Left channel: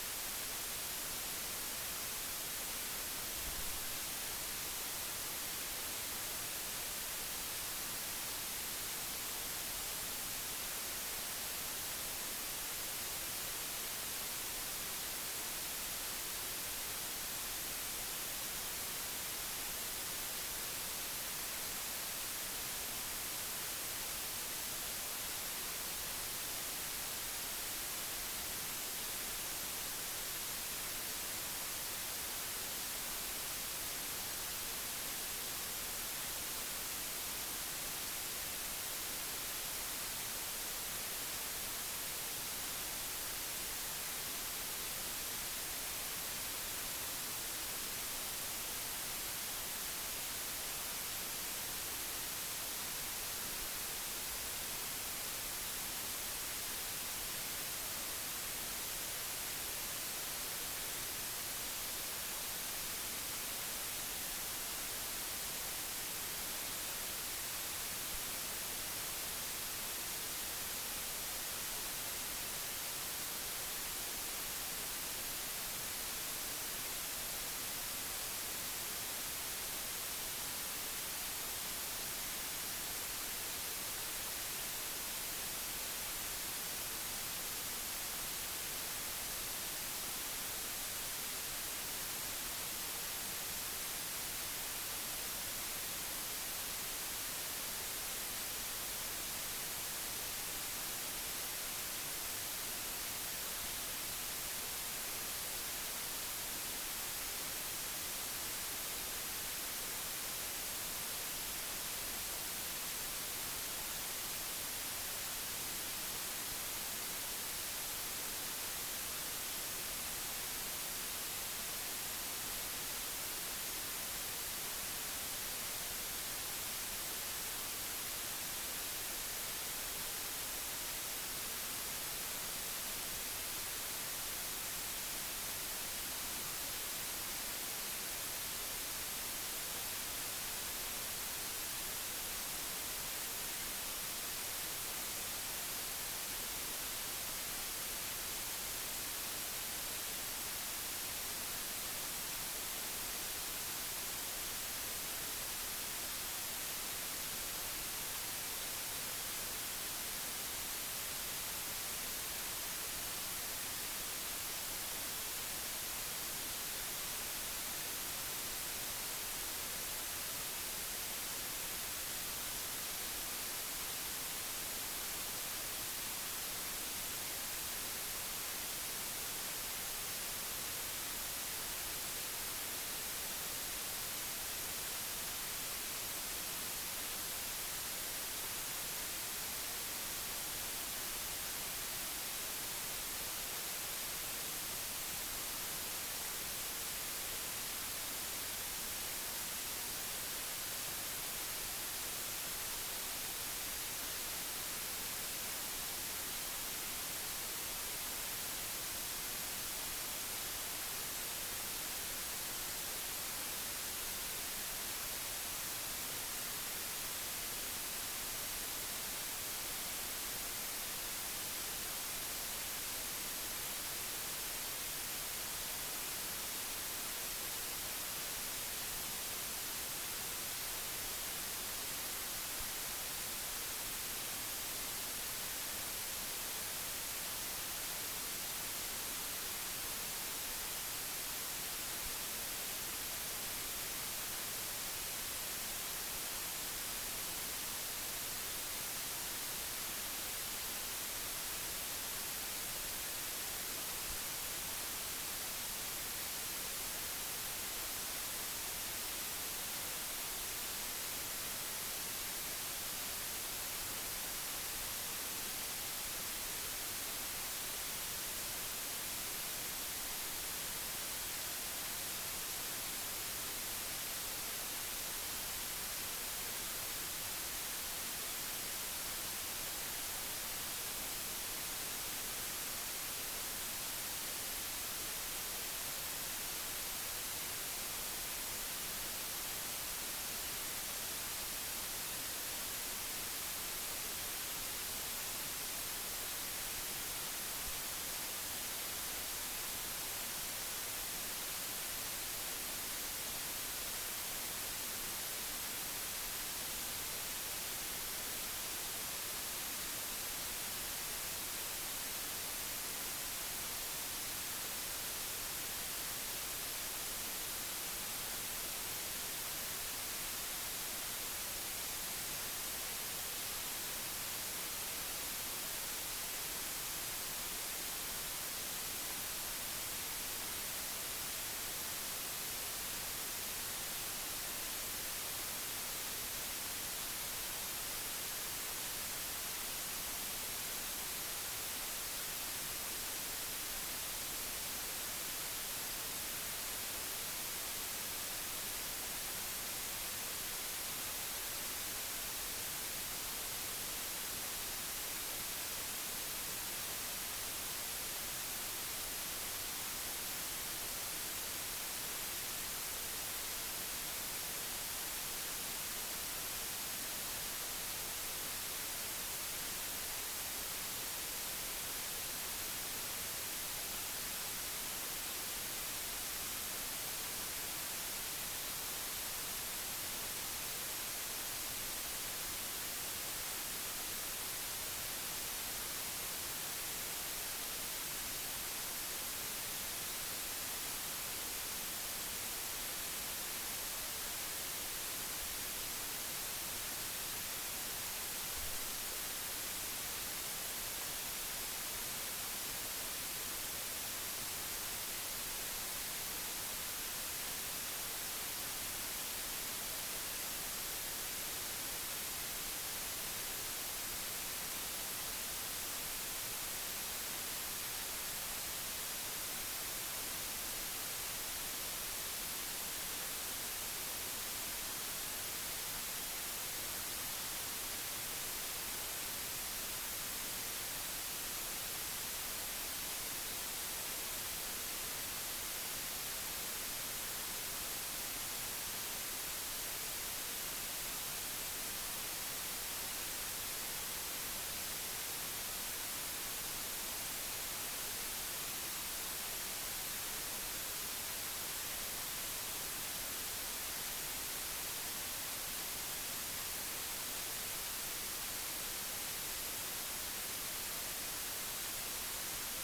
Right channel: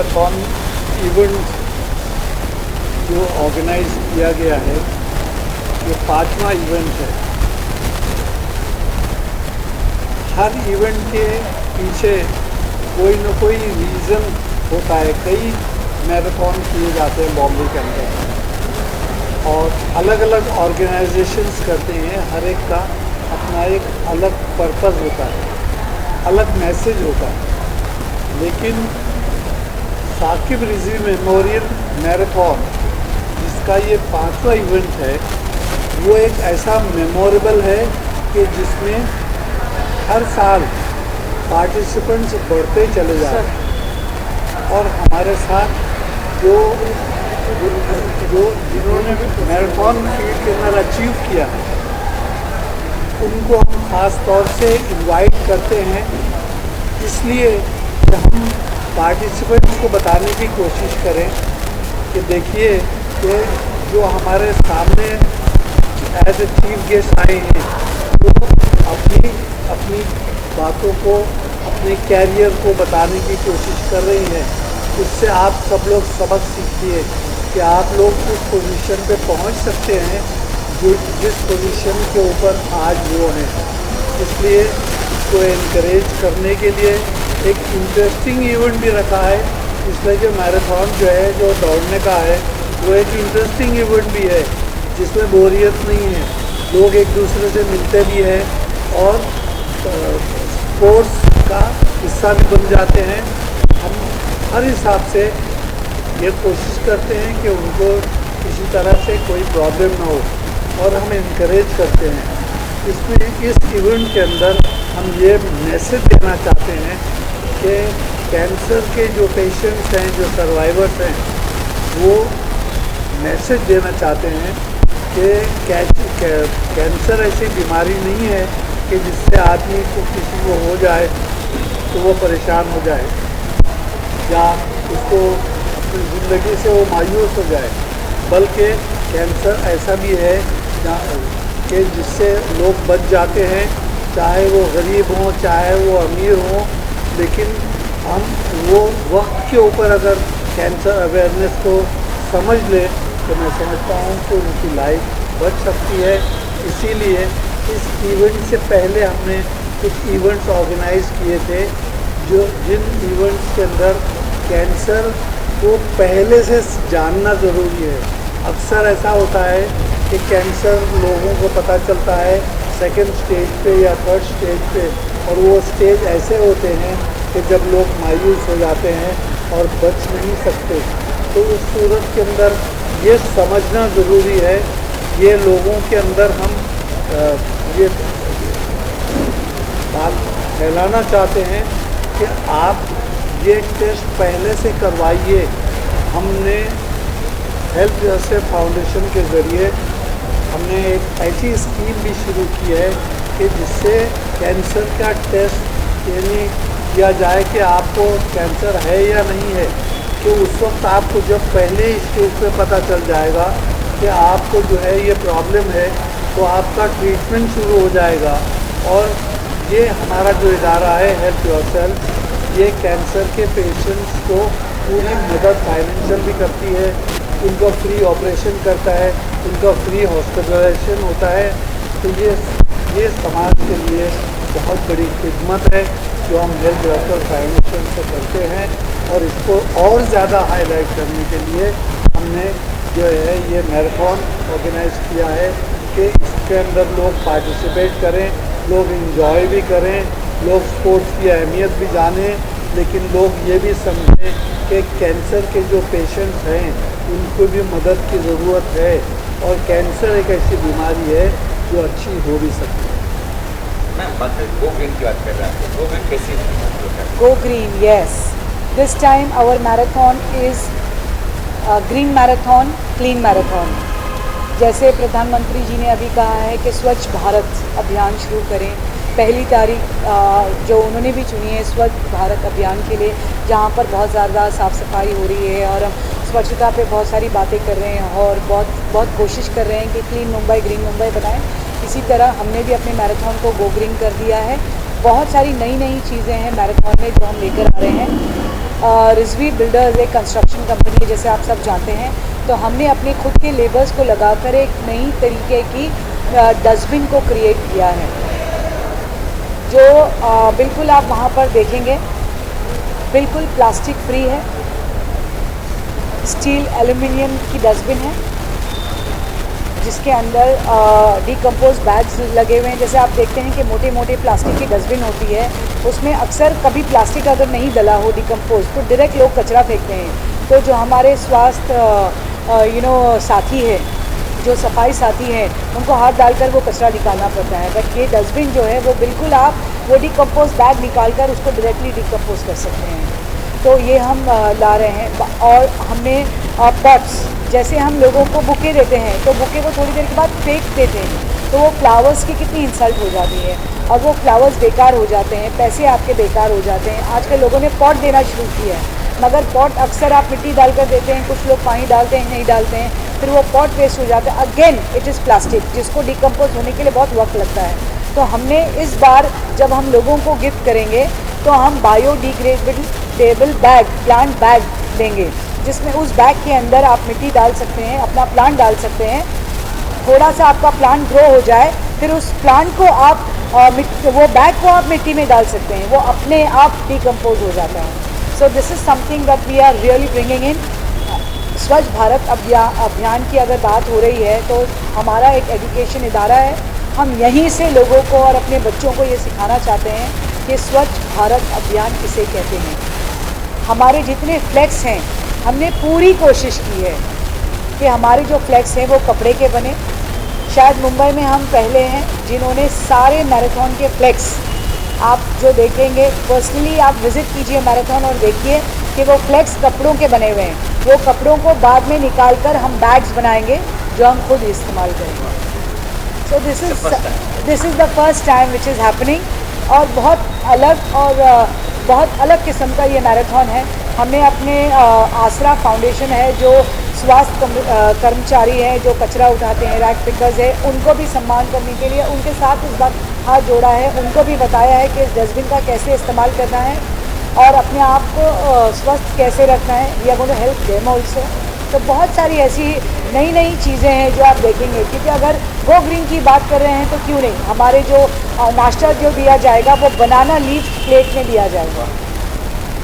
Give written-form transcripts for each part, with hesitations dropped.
Marathon event जो organise किया गया है, ये 5वां इवेंट है। हर इवेंट के पीछे कोई न कोई रीज़न होता है। कई मैराथन किए जाते हैं बॉम्बे के अंदर और अलग अलग ऑर्गेनाइजेशंस करते हैं। हर एक का अपना एक अलग पर्पस होता है, अलग मैसेज होता है। लेकिन साकिब रिजवी मेमोरियल मैराथन, जिसका ये 5वां इवेंट है, वो एक ऐसा मेमोरेबल है कि जिसमें हर साल पार्टिसिपेंट्स बढ़ते चले जा रहे हैं। और हमारे साथ जो जिन्होंने मैराथन फील्ड के अंदर अचीव किया है, उनको हम ख़ास तौर से इनवाइट करते हैं, इसलिए कि हम पार्टिसिपेंट्स को बताने की कोशिश करें कि देखिए कि जो हमारे सामने एज ए चीफ गेस्ट आए हैं, वो अपनी बातों को, अपने कैरियर को बताने की कोशिश कर रही हैं। उससे आप सब लोग सबक सीखिए कि आप लोग उस पोजीशन पे पहुंच सकते हैं जिस पोजीशन के ऊपर आज वो हैं। इसलिए इसको इनकरेज करने के लिए एक इंटरेस्टिंग इवेंट भी रखा है। इसमें जो मैराथन जो है, जो दौड़ने का है, वो एक इंटरेस्टिंग इवेंट भी है जिसमें बोरियत नहीं है। लोग एक दूसरे से मिलते भी हैं और स्पोर्ट्स का हिस्सा भी बन जाते हैं। हम हर हिसाब से ये कोशिश करते हैं कि उनको किसी तरह से कोई प्रॉब्लम ना हो और हम इनकरेज करते हैं। इसमें इस इवेंट के अंदर हम ये मैसेज देना चाहते हैं कि कैंसर के जो पेशेंट्स हैं, जो सर्वाइवर्स हैं, वो मैसेज देना चाहते हैं कि कैंसर ऐसी बीमारी नहीं है कि जिससे आदमी को किसी को हो जाए तो वो परेशान हो जाए या उसको अपनी ज़िंदगी से वो मायूस हो जाए, बल्कि कैंसर ऐसा भी है कि जिससे लोग बच जाते हैं, चाहे वो गरीब हों, चाहे वो अमीर हों। लेकिन हम वो वक्त के ऊपर अगर कैंसर अवेयरनेस को समझ लें तो मैं समझता हूँ कि उनकी लाइफ बच सकती है। इसीलिए इस इवेंट से पहले हमने कुछ इवेंट्स ऑर्गेनाइज किए थे, जिन इवेंट्स के अंदर कैंसर को पहले से जानना ज़रूरी है। अक्सर ऐसा होता है कि कैंसर लोगों को पता चलता है सेकंड स्टेज पे या थर्ड स्टेज पे, और वो स्टेज ऐसे होते हैं कि जब लोग मायूस हो जाते हैं और बच नहीं सकते। तो उस सूरत के अंदर ये समझना ज़रूरी है। ये लोगों के अंदर हम ये बात फैलाना चाहते हैं कि आप ये टेस्ट पहले से करवाइए। हमने हेल्थ योरसेल्फ फाउंडेशन के ज़रिए हमने एक ऐसी स्कीम भी शुरू की है कि जिससे कैंसर का टेस्ट यानी किया जाए कि आपको कैंसर है या नहीं है। तो उस वक्त आपको जब पहले स्टेज पे पता चल जाएगा कि आपको जो है ये प्रॉब्लम है, तो आपका ट्रीटमेंट शुरू हो जाएगा। और ये हमारा जो इदारा है हेल्थ योरसेल्फ, ये कैंसर के पेशेंट्स को पूरी मदद फाइनेंशियल भी करती है, उनका फ्री ऑपरेशन करता है, उनका फ्री हॉस्पिटलाइजेशन होता है। तो ये समाज के लिए बहुत बड़ी खिदमत है जो हम हेल्थ योरसेल्फ फाउंडेशन से करते हैं। और इसको और ज़्यादा हाईलाइट करने के लिए हमने जो है ये मैराथन ऑर्गेनाइज किया है कि इसके अंदर लोग पार्टिसिपेट करें, लोग एंजॉय भी करें, लोग स्पोर्ट्स की अहमियत भी जानें, लेकिन लोग ये भी समझें कि कैंसर के जो पेशेंट्स हैं उनको भी मदद की ज़रूरत है और कैंसर एक ऐसी बीमारी है जो अच्छी हो भी सकती है। मैम, बात गो ग्रीन की बात कर रहे हैं, गो ग्रीन कैसी है? Go green, yes. This time our marathon is green marathon, clean marathon. जैसे प्रधानमंत्री जी ने अभी कहा है कि स्वच्छ भारत अभियान शुरू करें। पहली तारीख जो उन्होंने भी चुनी है स्वच्छ भारत अभियान के लिए, जहाँ पर बहुत ज़्यादा साफ़ सफाई हो रही है और हम स्वच्छता पे बहुत सारी बातें कर रहे हैं और बहुत कोशिश कर रहे हैं कि क्लीन मुंबई ग्रीन मुंबई बनाएं। इसी तरह हमने भी अपने मैराथन को गो ग्रीन कर दिया है। बहुत सारी नई चीज़ें हैं मैराथन में जो हम लेकर आ रहे हैं। रिजवी बिल्डर्स एक कंस्ट्रक्शन कंपनी है, जैसे आप सब जानते हैं, तो हमने अपने खुद के लेबर्स को लगाकर एक नई तरीके की डस्टबिन को क्रिएट किया है, जो बिल्कुल आप वहाँ पर देखेंगे बिल्कुल प्लास्टिक फ्री है, स्टील एल्युमिनियम की डस्टबिन है, जिसके अंदर डिकम्पोज बैग्स लगे हुए हैं। जैसे आप देखते हैं कि मोटे मोटे प्लास्टिक की डस्टबिन होती है, उसमें अक्सर कभी प्लास्टिक अगर नहीं डला हो डिकम्पोज तो डायरेक्ट लोग कचरा फेंकते हैं। तो जो हमारे स्वास्थ्य साथी है, जो सफाई साथी हैं, उनको हाथ डालकर वो कचरा निकालना पड़ता है। बट ये डस्टबिन जो है वो बिल्कुल आप वो डिकम्पोज बैग निकाल कर उसको डायरेक्टली डिकम्पोज कर सकते हैं। तो ये हम ला रहे हैं। और हमने पॉट्स, जैसे हम लोगों को बुके देते हैं तो बुके को थोड़ी देर के बाद फेंक देते हैं, तो वो फ्लावर्स की कितनी इंसल्ट हो जाती है और वो फ्लावर्स बेकार हो जाते हैं, पैसे आपके बेकार हो जाते हैं। आजकल लोगों ने पॉट देना शुरू किया है, मगर पॉट अक्सर आप मिट्टी डालकर देते हैं, कुछ लोग पानी डालते हैं, नहीं डालते हैं, फिर वो पॉट वेस्ट हो जाता है। अगेन इट इज़ प्लास्टिक, जिसको डिकम्पोज होने के लिए बहुत वक्त लगता है। तो हमने इस बार जब हम लोगों को गिफ्ट करेंगे तो हम बायोडिग्रेडेबल बैग, प्लांट बैग देंगे, जिसमें उस बैग के अंदर आप मिट्टी डाल सकते हैं, अपना प्लांट डाल सकते हैं। थोड़ा सा आपका प्लांट ग्रो हो जाए, फिर उस प्लांट को आप वो बैग को आप मिट्टी में डाल सकते हैं, वो अपने आप डिकम्पोज हो जाता है। So this is something that we are really bringing in. Swachh Bharat अभियान की अगर बात हो रही है तो हमारा एक एजुकेशन इदारा है, हम यहीं से लोगों को और अपने बच्चों को ये सिखाना चाहते हैं कि स्वच्छ भारत अभियान किसे कहते हैं। हमारे जितने फ्लैग्स हैं, हमने पूरी कोशिश की है कि हमारे जो फ्लैग्स हैं वो कपड़े के बने। शायद मुंबई में हम पहले हैं जिन्होंने सारे मैराथन के फ्लैग्स, आप जो देखेंगे पर्सनली आप विज़िट कीजिए मैराथन और देखिए कि वो फ्लैग्स कपड़ों के बने हुए हैं। वो कपड़ों को बाद में निकाल कर हम बैग्स बनाएंगे जो हम खुद इस्तेमाल करेंगे। सो this is the first time which is happening. और बहुत अलग किस्म का ये मैराथन है। हमने अपने आसरा फाउंडेशन है, जो स्वास्थ्य कर्मचारी हैं, जो कचरा उठाते हैं, रैक पिकर्स है, उनको भी सम्मान करने के लिए उनके साथ इस बार हाथ जोड़ा है, उनको भी बताया है कि इस डस्टबिन का कैसे इस्तेमाल करना है और अपने आप को स्वस्थ कैसे रखना है। We are going to help them also. तो बहुत सारी ऐसी नई नई चीज़ें हैं जो आप देखेंगे, क्योंकि अगर गो ग्रीन की बात कर रहे हैं तो क्यों नहीं, हमारे जो नाश्ता जो दिया जाएगा वो बनाना लीफ प्लेट में दिया जाएगा।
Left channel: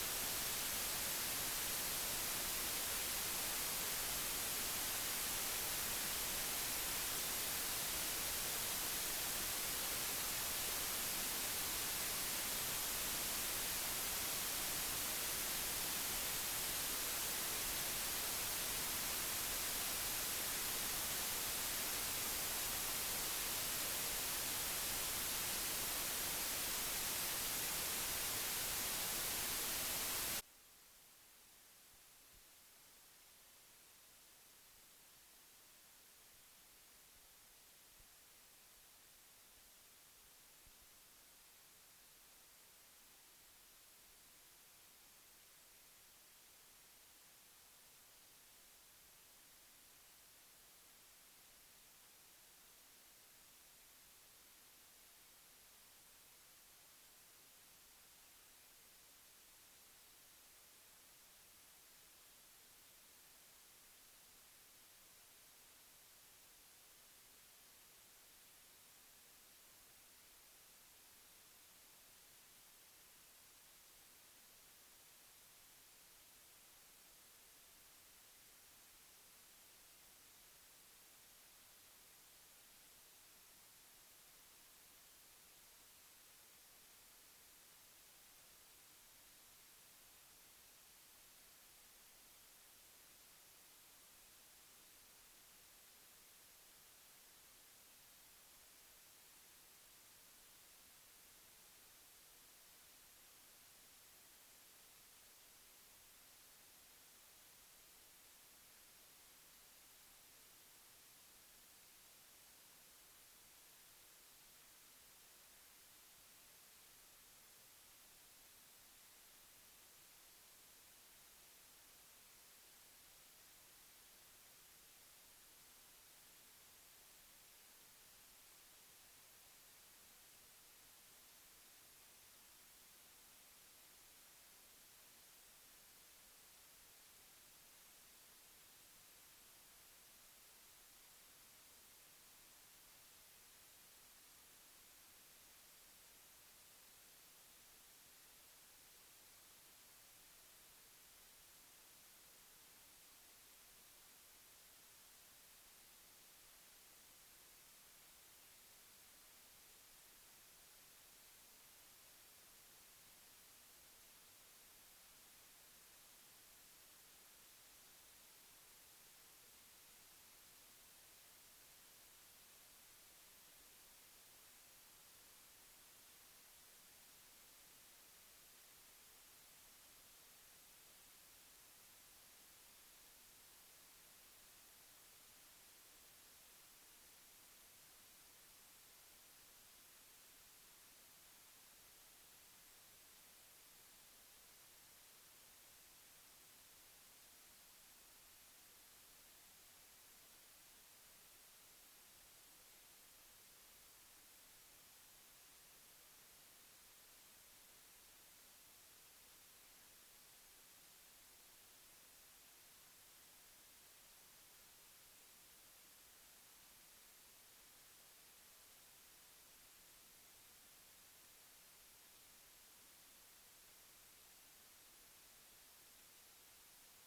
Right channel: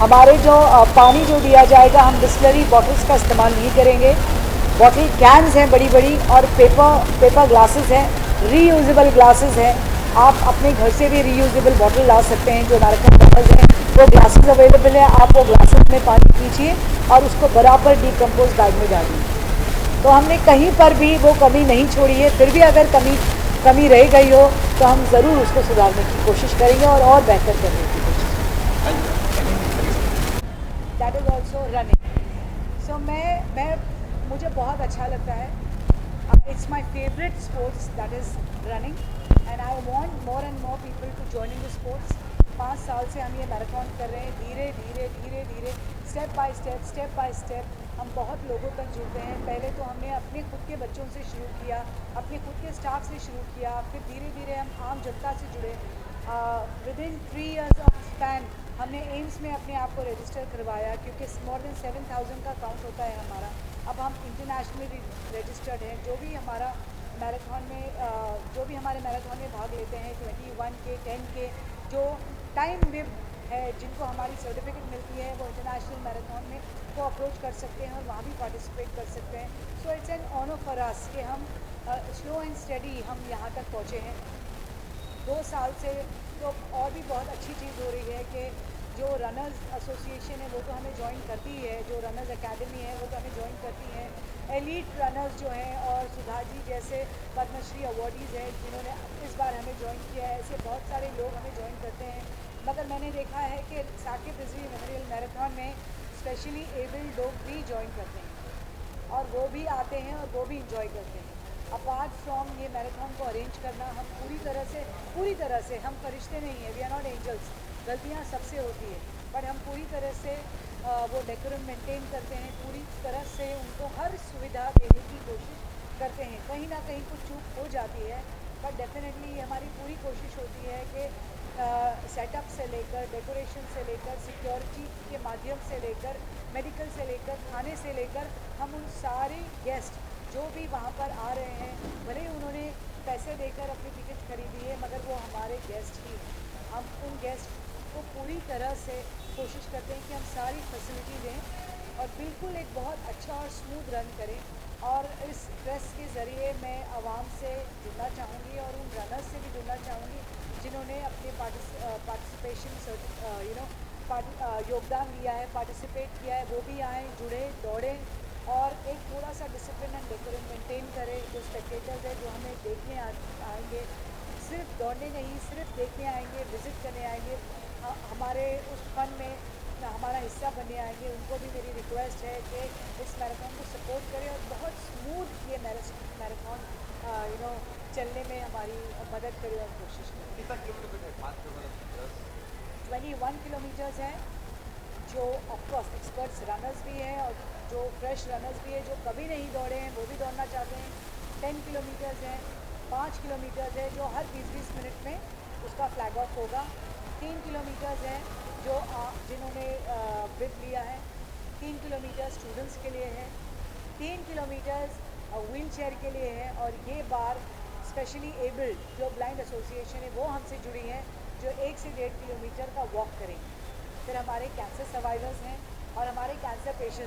हमारे जो पानी जो दिया जाएगा, हम बिस्लरी बॉटल्स का इस्तेमाल नहीं करेंगे। बॉटल कैन्स हैं बड़ी बड़ी, और पेपर ग्लासेस हैं, रीयूजेबल ग्लासेस हैं। आप अपने घर से भी रीयूजेबल बॉटल ला सकते हैं, जो मैराथन बॉटल्स हैं वो ग्लासेस अवेलेबल है। आप वो ग्लासेस में पानी पीजिए और उसको बराबर डिकम्पोज बैग में डालिए। तो हमने कहीं पर भी वो कमी नहीं छोड़ी है। फिर भी अगर कमी रह गई हो तो हम ज़रूर उसको सुधारने की कोशिश करेंगे और बेहतर करने की कोशिश करेंगे। That is also running. So मुझे बहुत अच्छा लगता है। It's my favourite sports, that is running, and I want more and more people to join in the sports. 5 साल से हम ये मैराथन कर रहे हैं, धीरे धीरे स्टेप बाय स्टेप हम बहुत लोगों तक जुड़ते हैं। पहले तो हमने अपने खुद के बच्चों से शुरू किया, अपने खुद के स्टाफ से शुरू किया, फिर धीरे धीरे हम आम जनता से जुड़े। विदिन 3 years ऑफ स्पैन हमने एम्स में अपने आप को रजिस्टर करवाया, क्योंकि मोर देन 7,000 का काउंट होता है हमारा। अब हम इंटरनेशनली रजिस्टर्ड हैं। जो भी हमारे मैराथन में भाग लेते हैं, 21 के 10 के जो टाइम में है, जिनको हमारी सर्टिफिकेट मिलती है, वो इंटरनेशनल मैराथन में को अप्रोच कर सकते हैं और वहाँ भी पार्टिसिपेट कर सकते हैं। So it's an honour for us कि हम स्लो एंड स्टडी हम यहाँ तक पहुँचे हैं। 2 साल से तो और भी बहुत अच्छी चीज़ हो रही है कि जो रनर्स एसोसिएशन है वो तो हमें ज्वाइन करती है, जो रनर्स एकेडमी है वो तो हमें ज्वाइन करती है। एलीट रनर्स जो हैं और सुधा जी जैसे पद्मश्री अवार्डीज़ हैं जिन्होंने इस बार हमें ज्वाइन किया है, ऐसे बहुत सारे लोग हमें ज्वाइन करते हैं। मगर मैंने देखा है कि साकिब रिजवी मेमोरियल मैराथन में स्पेशली एबल्ड लोग भी ज्वाइन करते हैं और वो भी आते हैं और वो भी इंजॉय करते हैं। अपार्ट फ्रॉम ये मैराथन को अरेंज करना, हम पूरी तरह से हम फरिश्ते नहीं हैं, वी आर नॉट एंजल्स। गलतियाँ सबसे होती है, बट हम पूरी तरह से वो डेकोरम मेंटेन करते हैं, पूरी तरह से उनको हर सुविधा देने की कोशिश करते हैं। कहीं ना कहीं कुछ चूक हो जाती है, बट डेफिनेटली हमारी पूरी कोशिश होती है कि सेटअप से लेकर, डेकोरेशन से लेकर, सिक्योरिटी के माध्यम से लेकर, मेडिकल से लेकर, खाने से लेकर, हम उन सारे गेस्ट जो भी वहाँ पर आ रहे हैं, भले ही उन्होंने पैसे देकर अपनी टिकट खरीदी है, मगर वो हमारे गेस्ट ही हैं। हम उन गेस्ट को पूरी तरह से कोशिश करते हैं कि हम सारी फैसिलिटी दें और बिल्कुल एक बहुत अच्छा और स्मूथ रन करें। और इस प्रेस के ज़रिए मैं आवाम से जुड़ना चाहूँगी और उन रनर्स से भी जुड़ना चाहूँगी जिन्होंने अपने पार्टिसिपेशन योगदान दिया है, पार्टिसिपेट किया है, वो भी आएँ, जुड़े, दौड़ें और एक थोड़ा सा डिसिप्लिन एंड डेकोरम मेंटेन करें। जो स्पेक्टेटर्स हैं जो हमें देखने आएंगे, सिर्फ दौड़ने नहीं, सिर्फ देखने आएंगे, विज़िट करने आएंगे, हमारे उस फन में हमारा हिस्सा बनने आएंगे, उनको भी मेरी रिक्वेस्ट है कि इस मैराथन को सपोर्ट करें और बहुत स्मूथ ये मैराथन चलने में हमारी मदद करें और कोशिश करें। कितना किलोमीटर है? 5 किलोमीटर? 21 किलोमीटर्स हैं, जो ऑफकोर्स एक्सपर्ट्स रनर्स भी हैं और जो फ्रेश रनर्स भी हैं जो कभी नहीं दौड़े हैं वो भी दौड़ना चाहते हैं। 10 किलोमीटर्स हैं, 5 किलोमीटर्स है जो हर 20-20 मिनट में उसका फ्लैग ऑफ होगा। 3 किलोमीटर्स हैं जो जिन्होंने बिड लिया है। 3 किलोमीटर स्टूडेंट्स के लिए है, 3 किलोमीटर्स व्हील चेयर के लिए है और ये बार स्पेशली एबल्ड जो ब्लाइंड एसोसिएशन है वो हमसे जुड़ी है जो 1 से 1.5 किलोमीटर का वॉक करेंगे। फिर हमारे कैंसर सर्वाइवर्स हैं और हमारे कैंसर पेशेंट्स